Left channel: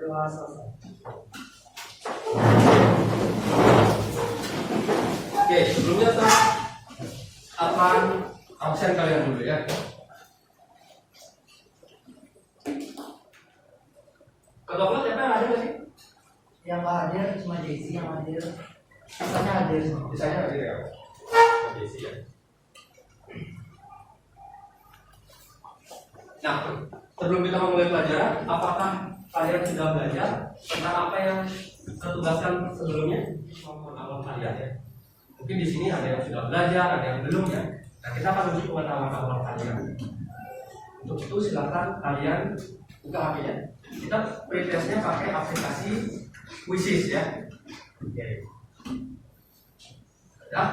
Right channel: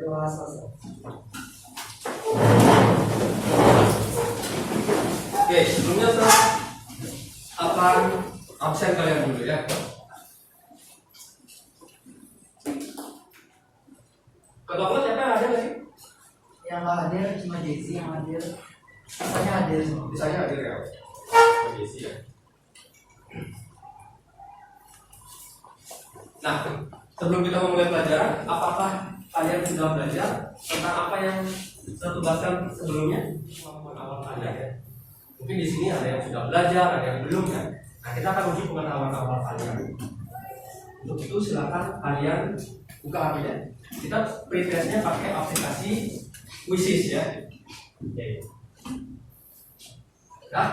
dewasa. Oke, sebelumnya absen kalian dulu ya. Ketua kelas siapa yang ada nggak sih? Yang nggak hadir cuma Jesse yang hadir. Sisanya hadir. Sisanya hadir ya. Jesse ya. Nah, sebelum kita memulai pelajaran, apakah kalian sudah belajar tentang apa yang saya tugaskan sebelumnya? Pengetahuan kalian ya. Mungkin di sini ada yang sudah belajar, ada yang belum ya. Nah, kita akan uji pengetahuan awal kalian. Untuk itu silakan kalian buka HP-nya. Kita pretestnya pakai aplikasi Quizzes ya. Oke. Ya.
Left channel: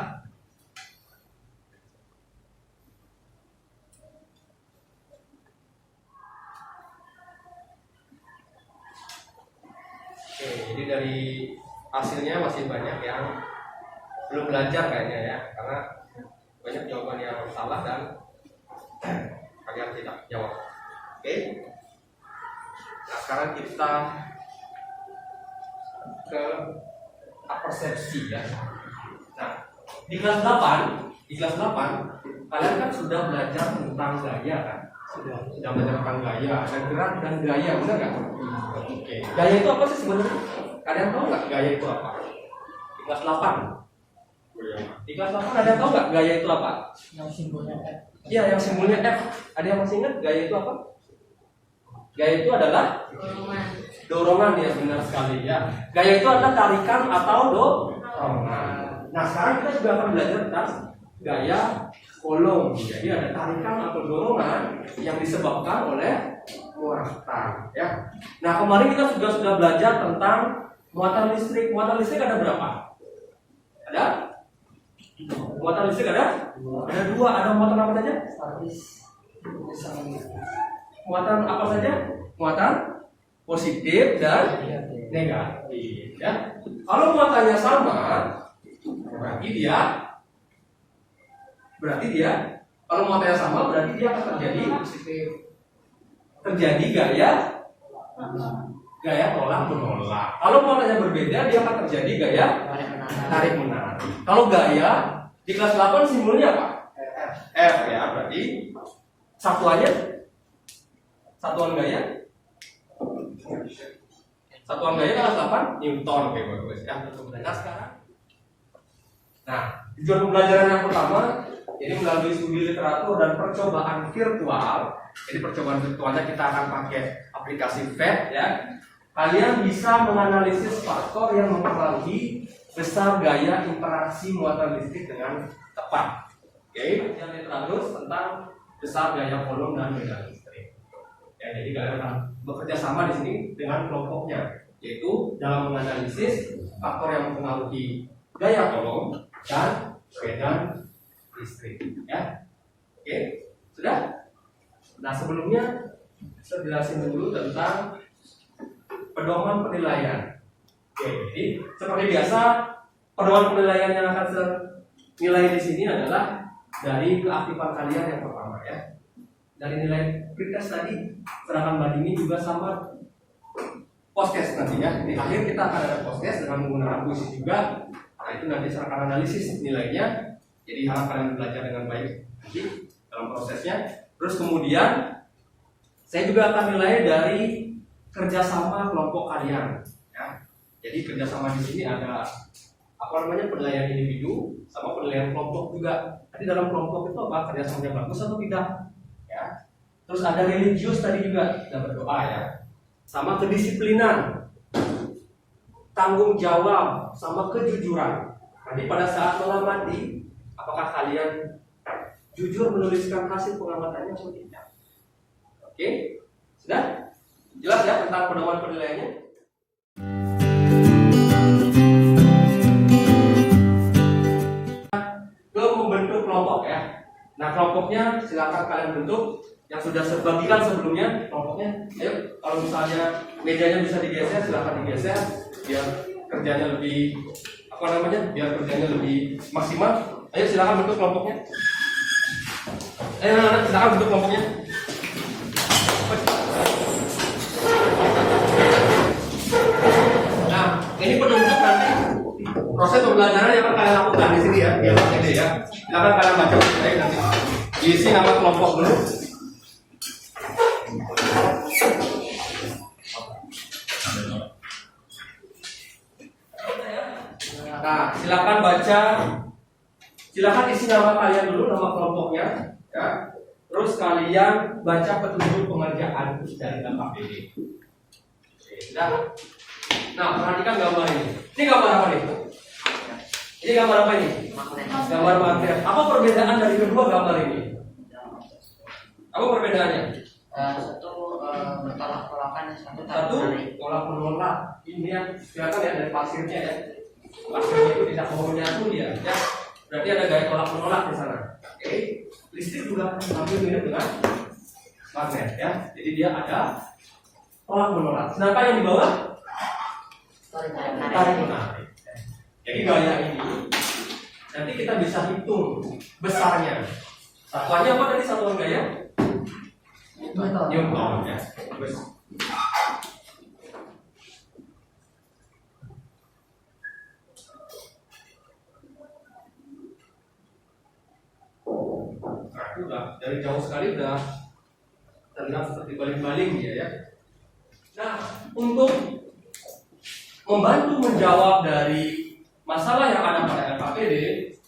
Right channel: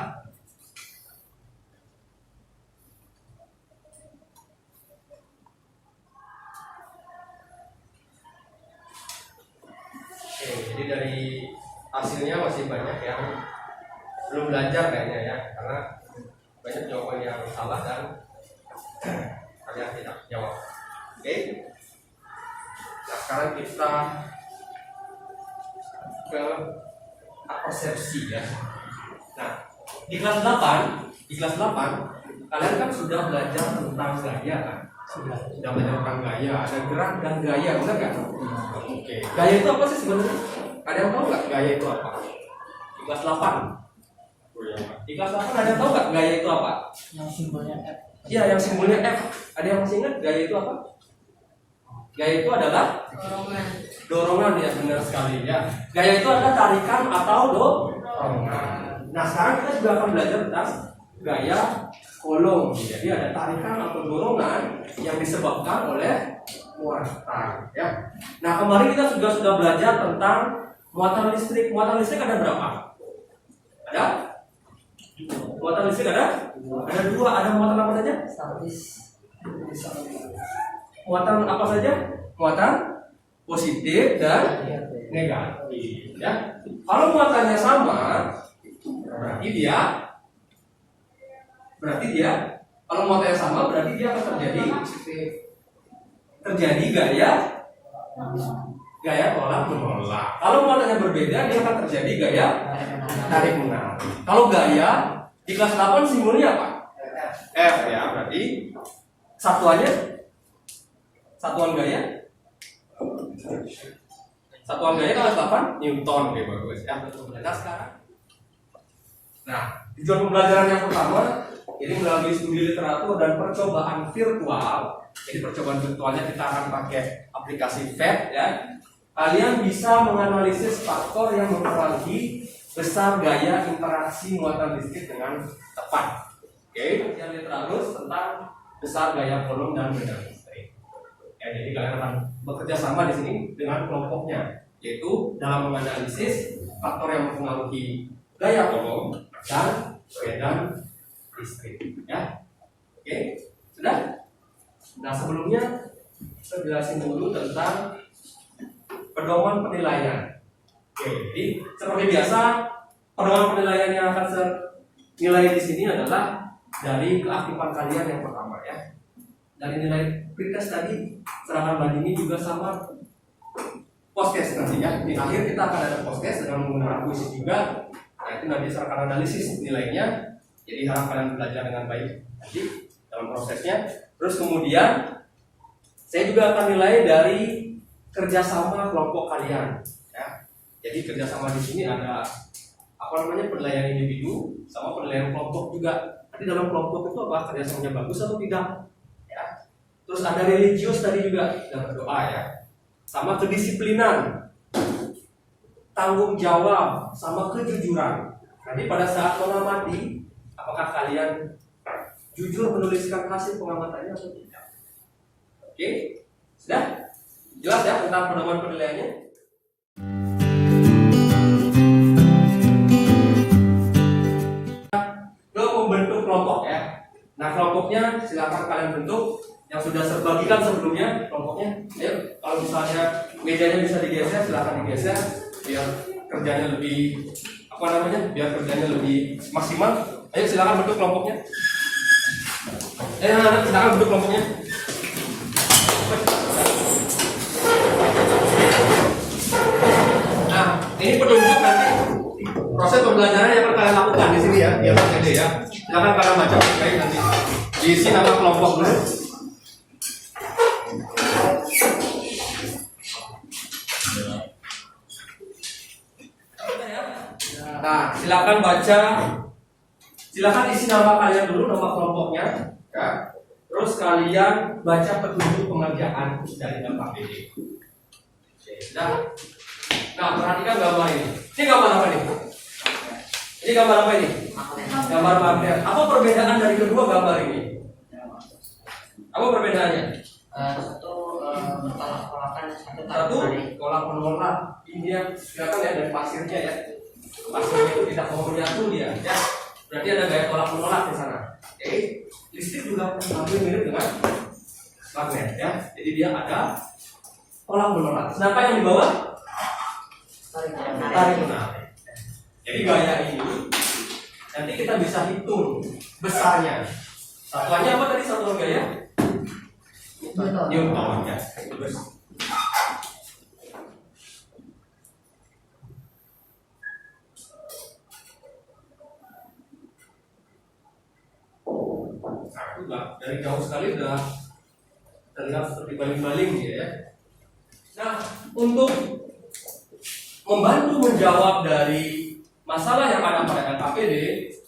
Oke, jadi dari hasilnya masih banyak yang belum belajar kayaknya ya, karena banyak jawaban yang salah dan kalian tidak jawab. Oke. Nah, sekarang kita ke persepsi ya. Nah, di kelas 8 kalian kan sudah belajar tentang gaya kan? Sudah belajar tentang gaya, ada gerak dan gaya, benar nggak? Oke. Gaya itu apa sih sebenarnya? Kalian tahu nggak gaya itu apa? Di kelas 8. Di kelas 8 ada yang tahu nggak gaya itu apa? Yang simbolnya F. Iya, yang simbolnya F. Ada yang masih ingat gaya itu apa? Gaya itu adalah dorongan ya, benar sekali ya. Gaya itu adalah tarikan atau dorongan. Nah, sekarang kita juga akan belajar tentang gaya kolom. Jadi ada tarikan atau dorongan yang disebabkan oleh muatan ya. Nah, kemarin kita sudah belajar tentang muatan listrik. Muatan listrik ada berapa? Ada? Muatan listrik ada? Ada dua. Ada muatan apa saja? Statis. Muatan apa saja? Muatan positif dan negatif ya. Kalau muatannya sama, berarti dia kalau muatannya sama berarti dia akan terjadi gaya tolak menolak. Kalau muatannya berbeda, dia akan terjadi gaya tarik menarik. Kalau gaya di kelas 8 simbolnya apa? F ya, berarti satuan gaya di kelas 8 Newton. Oke, bagus ya. Nah, sekarang tujuan pembelajaran yang pertama ini melalui studi literatur dan percobaan virtual. Jadi percobaan virtualnya kita akan pakai aplikasi VET ya. Kalian bisa menganalisis faktor yang mempengaruhi besar gaya interaksi muatan listrik dengan tepat. Oke, yang terus tentang besar gaya kolom dan medan listrik. Ya, jadi kalian akan bekerja sama di sini dengan kelompoknya, yaitu dalam menganalisis faktor yang mempengaruhi gaya kolom dan medan listrik. Ya, oke, sudah. Nah, sebelumnya saya jelasin dulu tentang pedoman penilaian. Oke, jadi seperti biasa pedoman penilaian yang akan saya nilai di sini adalah dari keaktifan kalian yang pertama ya. Dari nilai pretest tadi, serangan bandingnya juga sama post-test nanti ya. Di akhir kita akan ada post-test dengan menggunakan kuis juga. Nah, itu nanti saya akan analisis nilainya. Jadi harap kalian belajar dengan baik nanti dalam prosesnya. Terus kemudian saya juga akan nilai dari kerjasama kelompok kalian ya. Jadi kerjasama di sini ada penilaian individu sama penilaian kelompok juga. Tapi dalam kelompok itu apa kerjasamanya bagus atau tidak ya. Terus ada religius tadi juga, dapat doa ya. Sama kedisiplinan, tanggung jawab, sama kejujuran. Nanti pada saat mengamati, apakah kalian jujur menuliskan hasil pengamatannya atau tidak? Oke, sudah? Jelas ya tentang pedoman penilaiannya? Ke membentuk kelompok ya. Nah, kelompoknya silakan kalian bentuk yang sudah saya bagikan sebelumnya kelompoknya. Ayo, kalau misalnya mejanya bisa digeser, silakan digeser biar kerjanya lebih biar kerjanya lebih maksimal. Ayo silakan bentuk kelompoknya. Ayo anak-anak silakan bentuk kelompoknya. Ini petunjuk nanti proses pembelajaran yang akan kalian lakukan di sini ya, di atas CD ya. Silakan kalian baca baik nanti. Diisi nama kelompok dulu. Nah, silakan baca. Silakan isi nama kalian dulu, nama kelompoknya, ya. Terus kalian baca petunjuk pengerjaan dari dampak PD. Oke, sudah. Nah, perhatikan gambar ini. Ini gambar apa nih? Ini gambar apa ini? Gambar magnet. Apa perbedaan dari kedua gambar ini? Apa perbedaannya? Satu bertolak-tolakan, Satu tolak menolak. Ini yang kelihatan ya dari pasirnya ya. Pasirnya itu tidak mau menyatu dia, ya. Berarti ada gaya tolak menolak di sana. Oke. Listrik juga hampir mirip dengan magnet ya. Jadi dia ada tolak menolak. Sedangkan yang di bawah tarik menarik. Jadi gaya ini nanti kita bisa hitung besarnya. Satuannya apa tadi satuan gaya? Newton ya. Nah, itu udah dari jauh sekali udah terlihat seperti baling-baling dia ya. Nah, untuk membantu menjawab dari masalah yang ada pada LKPD,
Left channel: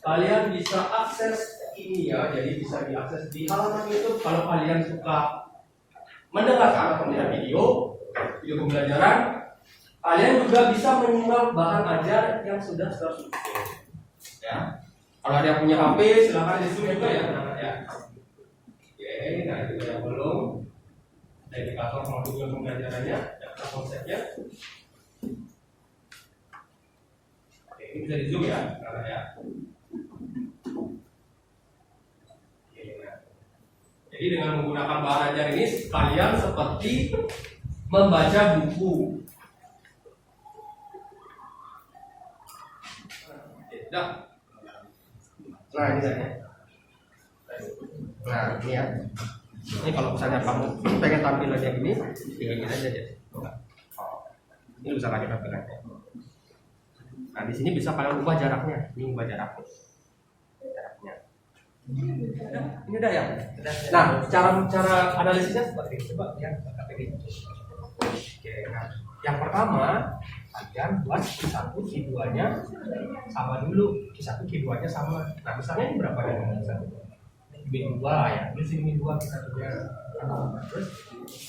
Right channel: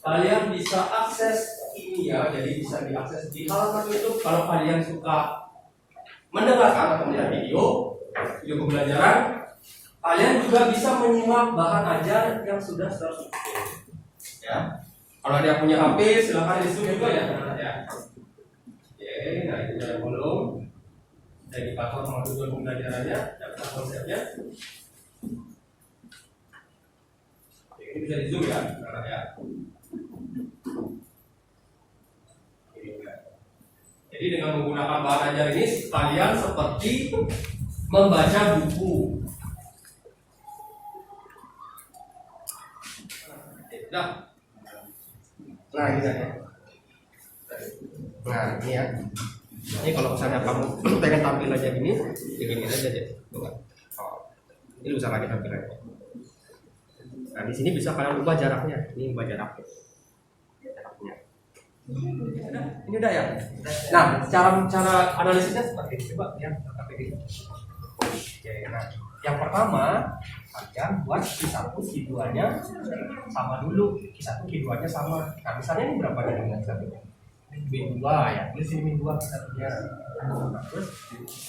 kalian bisa akses ini ya, jadi bisa diakses di halaman YouTube kalau kalian suka mendengarkan atau melihat video pembelajaran. Kalian juga bisa menyimak bahan ajar yang sudah tersusun. Ya, kalau ada yang punya HP silahkan di zoom juga ya. Oke, nah itu ada kolom indikator sama tujuan pembelajarannya, daftar konsepnya. Ini bisa di zoom ya, karena ya. Oke, nah. Jadi dengan menggunakan bahan ajar ini, kalian seperti membaca buku. Nah, ini kan ya. Nah, ini ya. Ini kalau misalnya kamu pengen tampilannya gini, hilangin aja deh. Oh, ini bisa lagi tampilannya. Nah, di sini bisa kalian ubah jaraknya. Ini ubah jaraknya. Ini udah ya. Nah, cara analisisnya seperti ini. Coba lihat KPD. Oke, nah, yang pertama kalian buat Q1, Q2-nya sama dulu. Q1, Q2-nya sama. Nah, misalnya ini berapa dengan Q1-nya? B2 ya. Tulis ini B2 Q1-nya. Terus,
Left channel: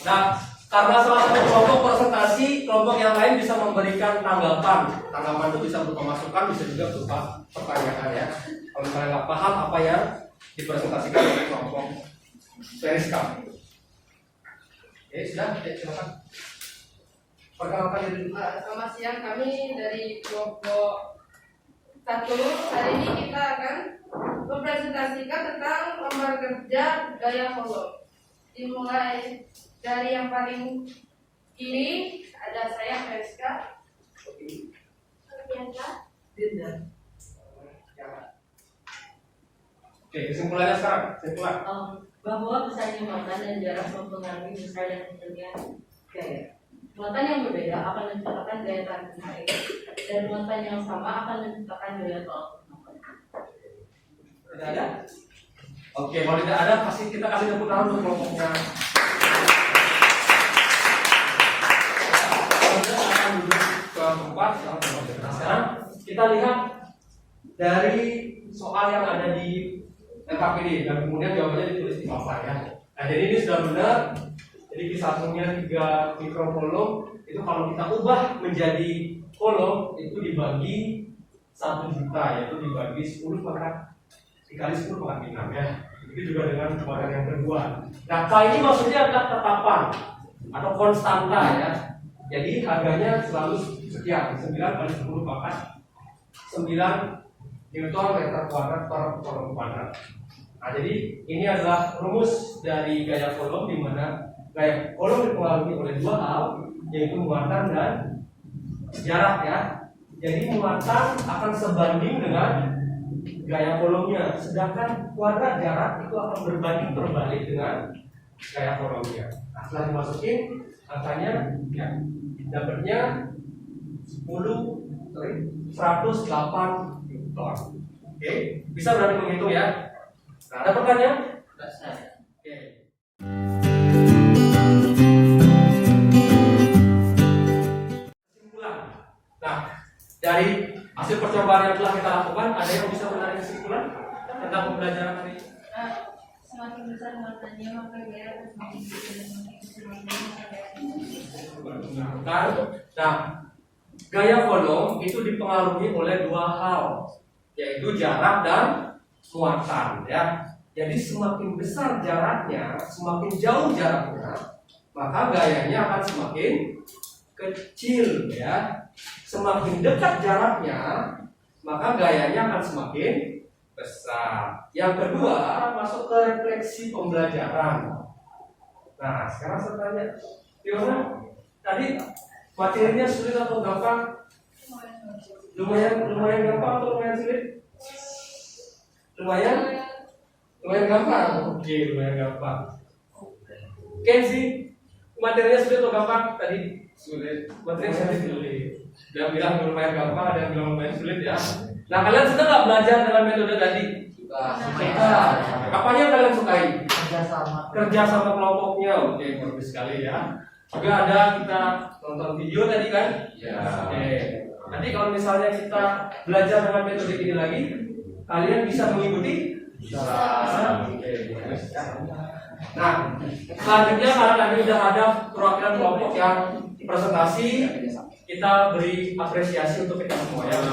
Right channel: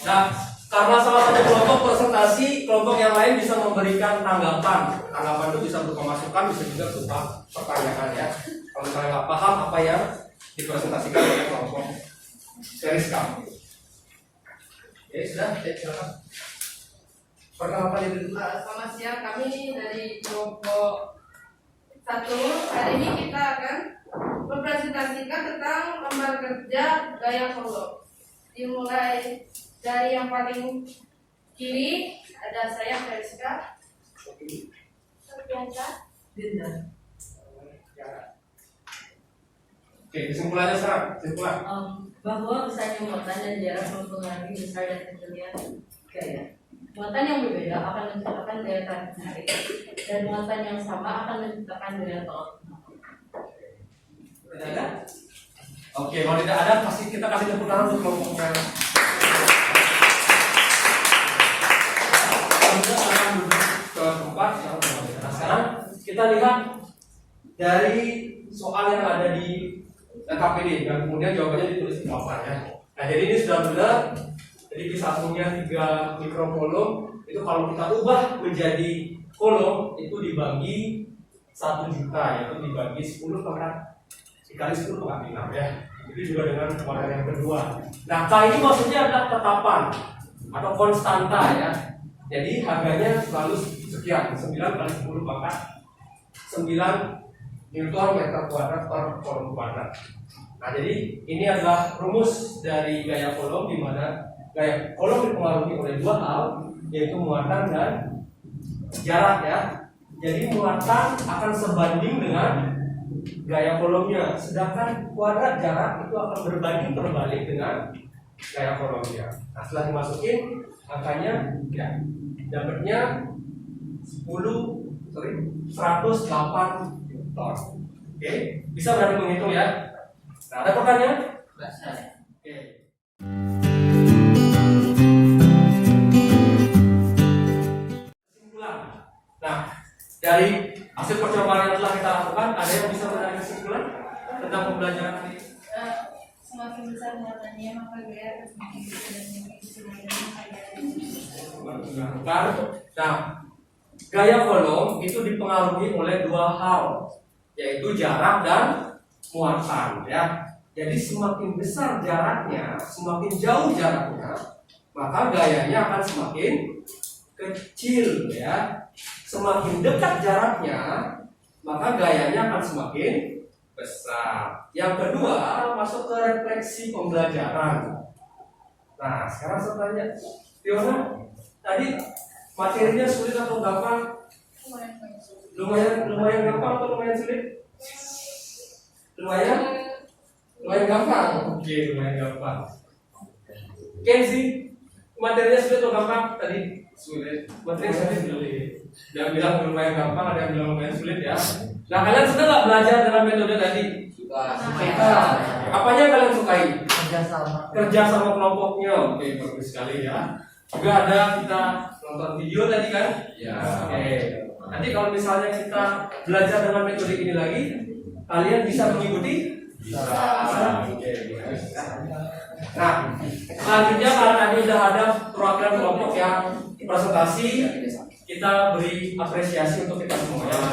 nah, karena salah satu kelompok presentasi, kelompok yang lain bisa memberikan tanggapan. Tanggapan itu bisa berupa masukan, bisa juga berupa pertanyaan ya. Kalau misalnya nggak paham apa yang dipresentasikan oleh kelompok Periskap. Oke, sudah, silakan. Perkenalkan diri dulu. Selamat siang, kami dari kelompok 1. Hari ini kita akan mempresentasikan tentang lembar kerja gaya kolom. Dimulai dari yang paling kiri ada saya Periska. Biasa. Oke, kesimpulannya sekarang. Kesimpulan. Bahwa besarnya muatan dan jarak mempengaruhi besar dan kecilnya gaya. Muatan yang berbeda akan menciptakan gaya tarik menarik, dan muatan yang sama akan menciptakan gaya tolak menolak. Tidak ada? Oke, kalau tidak ada, kita kasih tepuk tangan untuk kelompoknya. Kemudian akan duduk ke tempat yang sekarang kita lihat dari soal yang ada di LKPD dan kemudian jawabannya ditulis di papan ya. Nah, jadi ini sudah benar. Jadi Q1-nya 3 mikrokolom, itu kalau kita ubah menjadi kolom itu dibagi 1 juta, yaitu dibagi 10 dikali 10 pangkat 6 ya. Itu juga dengan model yang kedua. Nah, kali ini maksudnya adalah tetapan atau konstanta ya. Jadi harganya selalu sekian, 9 kali 10 pangkat 9 Newton meter kuadrat per kolom kuadrat. Nah, jadi ini adalah rumus dari gaya kolom, di mana gaya kolom dipengaruhi oleh dua hal, yaitu muatan dan jarak ya. Jadi muatan akan sebanding dengan gaya kolomnya, sedangkan kuadrat jarak itu akan berbanding terbalik dengan gaya kolomnya. Nah, setelah dimasukin angkanya ya dapatnya 9 108 Newton. Oke, bisa berarti menghitung ya. Nah, ada pertanyaan? Oke. Kesimpulan. Nah, dari hasil percobaan yang telah kita lakukan, ada yang bisa menarik kesimpulan tentang pembelajaran hari ini? Semakin besar muatannya maka gaya akan semakin besar dan semakin besar muatannya maka gaya akan semakin besar. Nah, gaya volume itu dipengaruhi oleh dua hal, yaitu jarak dan muatan ya. Jadi semakin besar jaraknya, semakin jauh jaraknya, maka gayanya akan semakin kecil ya. Semakin dekat jaraknya, maka gayanya akan semakin besar. Yang kedua, masuk ke refleksi pembelajaran. Nah, sekarang saya tanya, Fiona, tadi materinya sulit atau gampang? Lumayan gampang atau lumayan sulit? Lumayan gampang. Oke, lumayan gampang. Kenzi, materinya sulit atau gampang tadi? Sulit. Materinya sulit. Ada yang bilang lumayan gampang, ada yang bilang lumayan sulit ya. Nah, kalian suka nggak belajar dengan metode tadi? Suka. Apanya yang kalian sukai? Kerja sama kelompoknya. Oke, bagus sekali ya. Juga ada kita nonton video tadi kan? Ya. Oke. Nanti kalau misalnya kita belajar dengan metode ini lagi, kalian bisa mengikuti? Bisa. Oke, bagus. Nah, selanjutnya karena tadi sudah ada perwakilan kelompok yang presentasi, kita beri apresiasi untuk kita semua ya. Nah,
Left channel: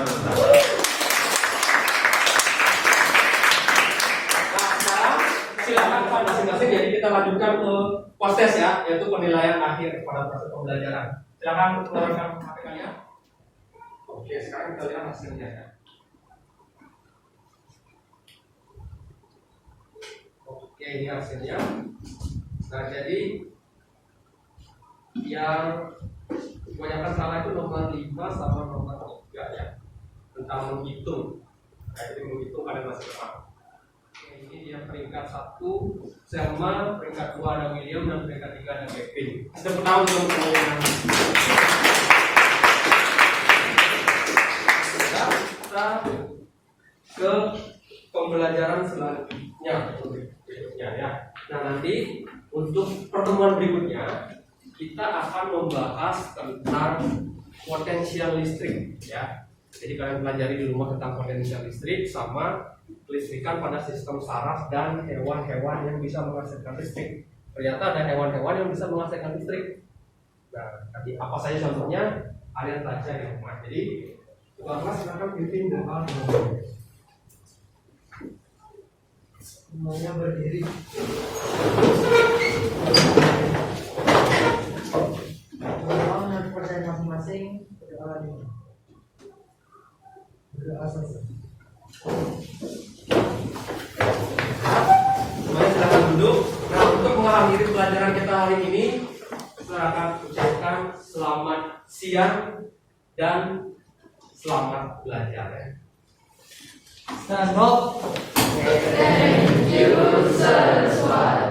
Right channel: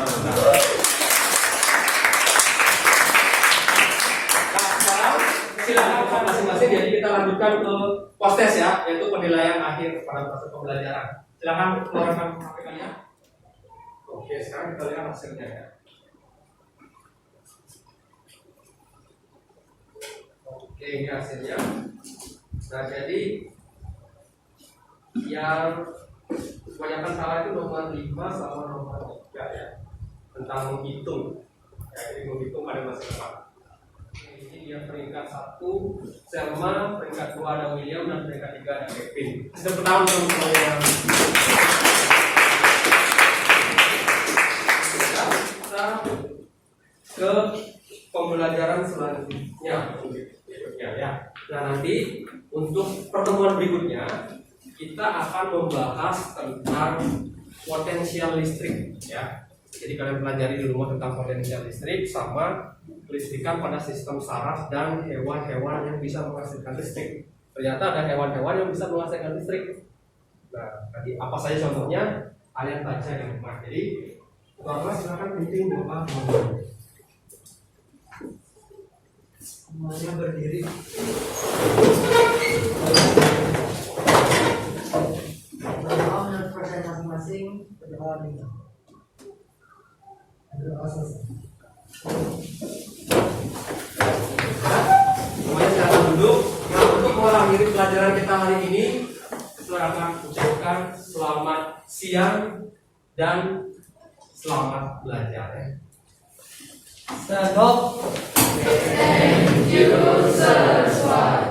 sekarang silakan kepada masing-masing. Jadi kita lanjutkan ke post test ya, yaitu penilaian akhir pada proses pembelajaran. Silakan keluarkan HP kalian. Oke, sekarang kita lihat hasilnya ya. Oke, ini hasilnya. Nah, jadi yang kebanyakan salah itu nomor 5 sama nomor 3 ya, tentang menghitung. Ya, jadi menghitung ada masih tepat. Ini dia peringkat 1 Selma, peringkat 2 ada William, dan peringkat 3 ada Kevin. Tepuk tangan untuk teman-teman. Kita ke pembelajaran selanjutnya berikutnya ya. Nah, nanti untuk pertemuan berikutnya kita akan membahas tentang potensial listrik ya. Jadi kalian pelajari di rumah tentang potensial listrik sama kelistrikan pada sistem saraf dan hewan-hewan yang bisa menghasilkan listrik. Ternyata ada hewan-hewan yang bisa menghasilkan listrik. Nah, tadi apa saja contohnya? Kalian baca di rumah. Jadi, Bapak silakan pimpin doa. Semuanya berdiri. Berdoa menurut percaya masing-masing. Berdoa dengan berdoa selesai. Semuanya silakan duduk. Nah, untuk mengakhiri pelajaran kita hari ini, saya akan ucapkan selamat siang dan selamat belajar ya. Stand up. Thank you, Saraswati.